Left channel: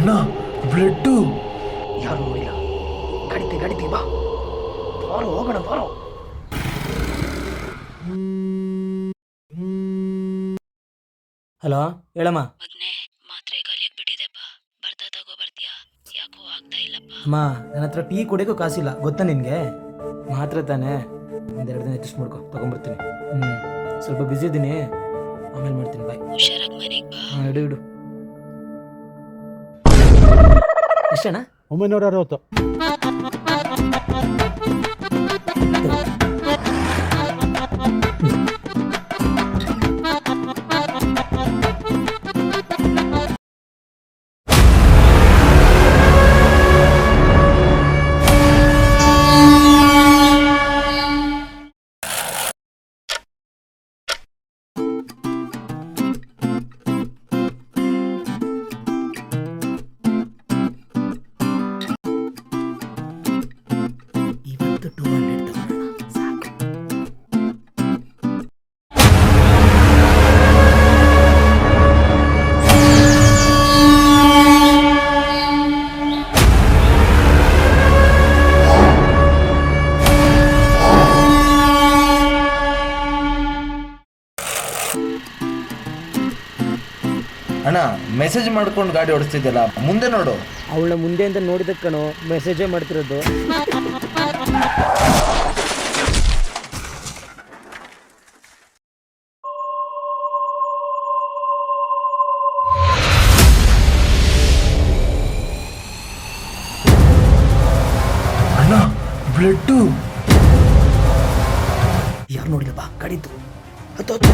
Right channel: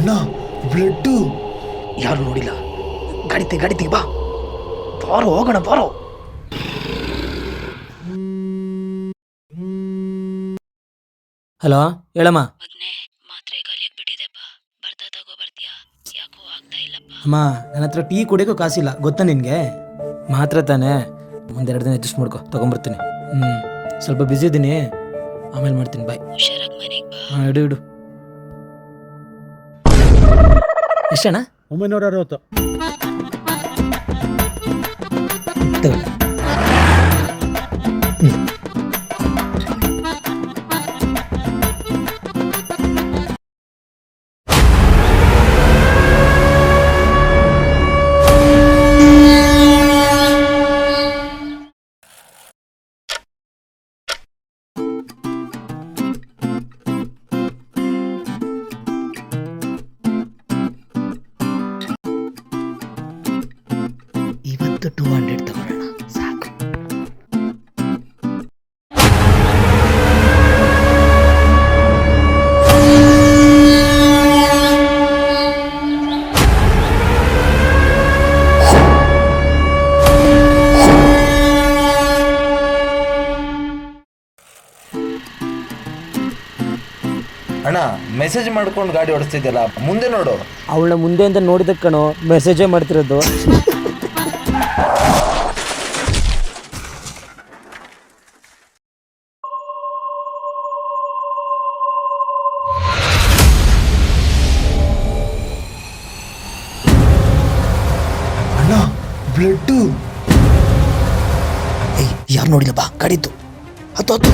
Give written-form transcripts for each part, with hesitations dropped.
ಅಣ್ಣ ಬ್ಲಡ್ಡು. ಯಾರು ನೋಡಿಲ್ಲ. ಗಾಡಿ ಬಾ, ಬಾರೋ ಹೋಗೋಣ ಬಾರೋ. ಹಲೋ ಹೇಳಮ್ಮ. ಮಾತ್ರೆ ಖಾಲಿಯಾಗ್ಬಿಟ್ಟಿದೆಪ್ಪ, ಬರ್ತಾ ತಗೋ ಬರ್ತೀಯಾ? ಯಾಕೋ ಆಗ್ತಾ ಇಲ್ಲಪ್ಪ. ಅಮ್ಮ ನನ್ನ ಹತ್ರ ಟೀ ಕುಡಿಯೋಕ್ಕೂ ಕಾಸಿಲ್ಲ ಗೊತ್ತಾ ನಿನಗೆ. ಮಾತ್ರ ತಾನೇ, ಒಂದೆರಡು ದಿನ ಅಡ್ಜಸ್ಟ್ ಮಾಡ್ಕೊ, ತಗೊಂಬರ್ತೀನಿ. ಸ್ವಲ್ಪ ಬ್ಯುಸಿ ಇದ್ದೀನಿ, ಆಮೇಲೆ ಮಾಡ್ತೀನಿ. ಬಾಯ್. ಹುಷಾರಾಗಿ ಮನೆಗೆ ಬಾ. ಹಾಂ ಇಡು. ಎಷ್ಟಣ್ಣ? 960. ಇವತ್ತು 200 ತಗೊಳ್ಳೋಣ ಸಾಕು. ಅಣ್ಣ ಮೆಸೇಜ್ ಮಾಡ್ಕೊಂಡು ಗಾಡಿ ಓಡಿಸ್ತಿದ್ಯಲ್ಲ, ಮುಂದೆ ನೋಡು. ಅವಳ ಮುಂದೆಯಿಂದ ನೋಡಿದಕ್ಕೆ ಕಣೋ ಮೆಸೇಜೇ ಮಾಡ್ತಿರೋದು. ಅಣ್ಣ ಬ್ಲಡ್ಡು. ಯಾರು ನೋಡಿಲ್ಲ ಬಾ, ಗಾಡಿದ್ದು ಹತ್ತು.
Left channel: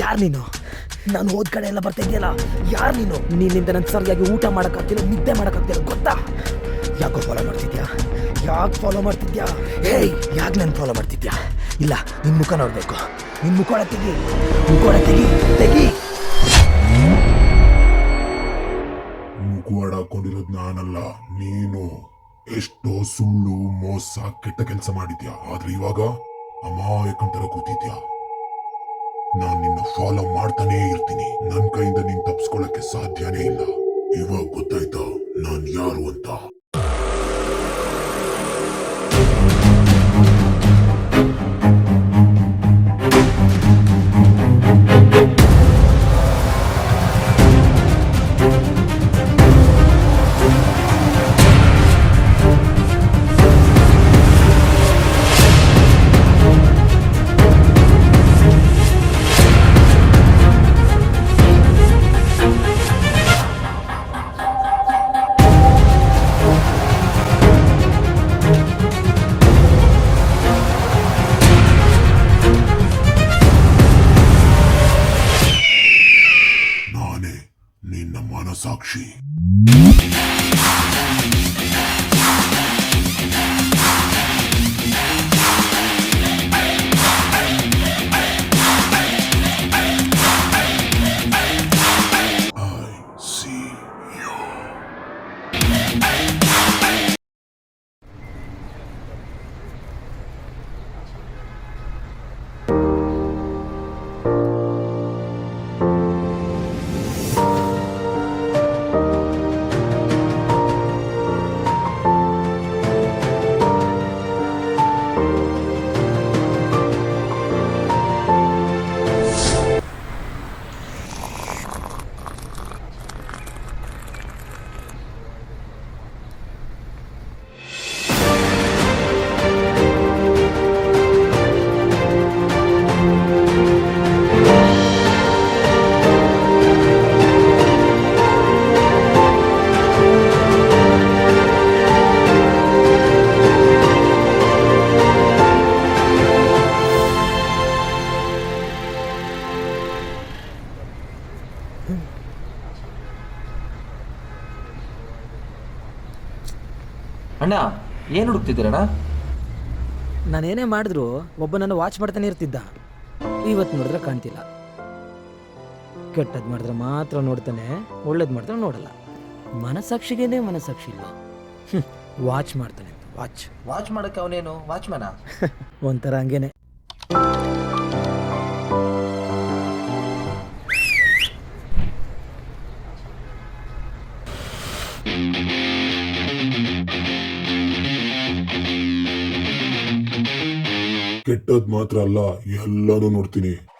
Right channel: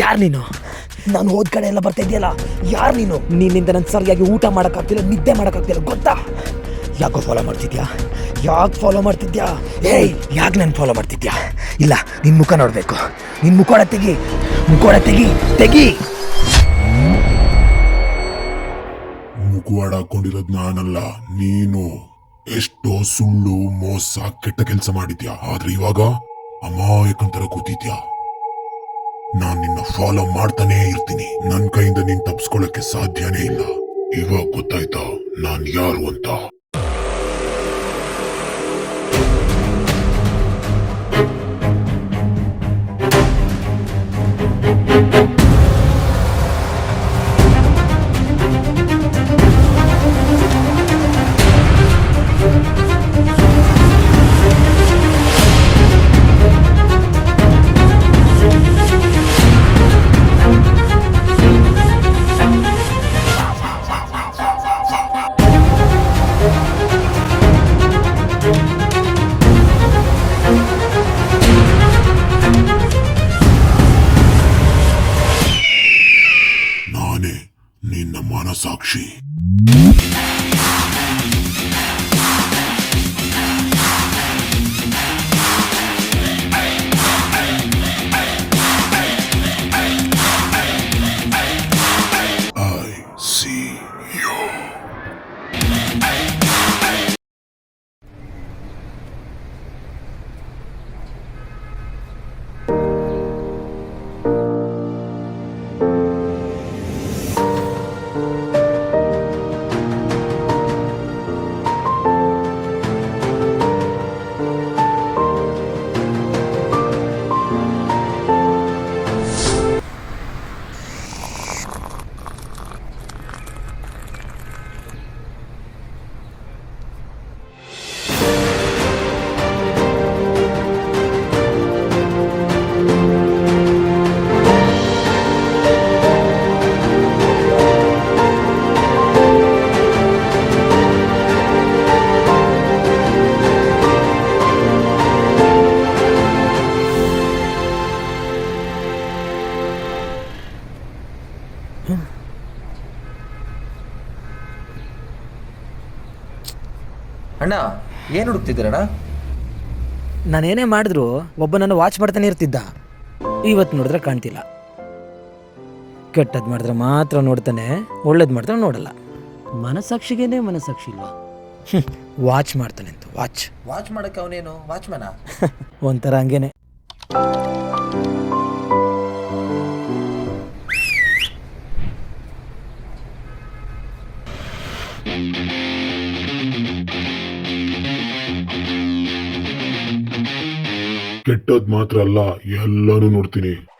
ಯಾರು ನೀನು? ನಾನು ಹೋದ ಕಡೆ ಎಲ್ಲ ಬರ್ತಾ ಇದೆಯಲ್ಲ, ಯಾರು ನೀನು? ನಿನ್ನಿಂದ ನನ್ನ ಸರಿಯಾಗಿ ಊಟ ಮಾಡೋಕ್ಕಾಗ್ತಿಲ್ಲ, ನಿದ್ದೆ ಮಾಡೋಕ್ಕಾಗ್ತಿಲ್ಲ ಗೊತ್ತಾ? ಯಾಕೋ ಫಾಲೋ ಮಾಡ್ತಿದ್ಯಾ? ಯಾಕೆ ಫಾಲೋ ಮಾಡ್ತಿದ್ಯಾ? ಯಾಕೆ ನಾನು ಫಾಲೋ ಮಾಡ್ತಿದ್ಯಾ? ಇಲ್ಲ, ನಿನ್ನ ಮುಖ ನೋಡಬೇಕು. ನಿನ್ನ ಮುಖೋಡ ತೆಗಿ. ಮುಖವಾಡ ಹಾಕೊಂಡಿರೋದು ನಾನಲ್ಲ, ನೀನು. ಎಷ್ಟೋ ಸುಳ್ಳು, ಮೋಸ, ಕೆಟ್ಟ ಕೆಲಸ ಮಾಡಿದ್ಯಾ. ಆದ್ರೆ ಇವಾಗ ಅಮಾಯಕಂತರ ಕೂತಿದ್ಯಾ. ನಾನ್ ನಿನ್ನ ಫಾಲೋ ಮಾಡ್ತಾನೇ ಇರ್ತೀನಿ. ನನ್ ಕೈಯಿಂದ ನೀನ್ ತಪ್ಪಿಸ್ಕೊಳಕ್ಕೆ ಸಾಧ್ಯನೇ ಇಲ್ಲ. ಇವಾಗ ಗೊತ್ತಾಯ್ತಾ ನಾನ್ ಯಾರು ಅಂತ? ಸಾಕ್ಷಿ. ಅಣ್ಣ ಏನು ಹುಡುಕ್ತಿದ್ದೀರಣ್ಣ? ನಾನೇನೇ ಮಾಡಿದ್ರು ಒಬ್ಬ ನನ್ನ ವಾಚ್ ಮಾಡ್ತಾನೆ ಇರ್ತಿದ್ದ. ಇವತ್ತು ನೋಡಿದ್ರೆ ಕಾಣ್ತಿಲ್ಲ. ಕೆಟ್ಟದ್ದು ಮಾಡಿದ್ರೆ ಮಾತ್ರ ನೋಡ್ತಾನೆ, ಒಳ್ಳೇದು ಮಾಡಿದ್ರೆ ನೋಡಲ್ಲ. ಮನಸ್ಸಾಕ್ಷಿಗೇನೆ ಮನಸ್ಸಾಕ್ಷಿ ಇಲ್ವಾ? ವಾಚ್ ಮಾಡ್ತಾನೆ ಅಂತ ವಾಚ್. ವಾಚ್ ಮಾಡಕ್ಕೆ ಅವನೇನು ವಾಚ್ಮನ? ಒಂಥರ ಹಂಗೇನೆ. ಕೆಟ್ಟದ್ ಮಾತ್ರ ಅಲ್ಲ, ಎಲ್ಲಾನು ನೋಡ್ತೀನಿ.